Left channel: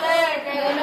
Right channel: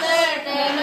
தட்டு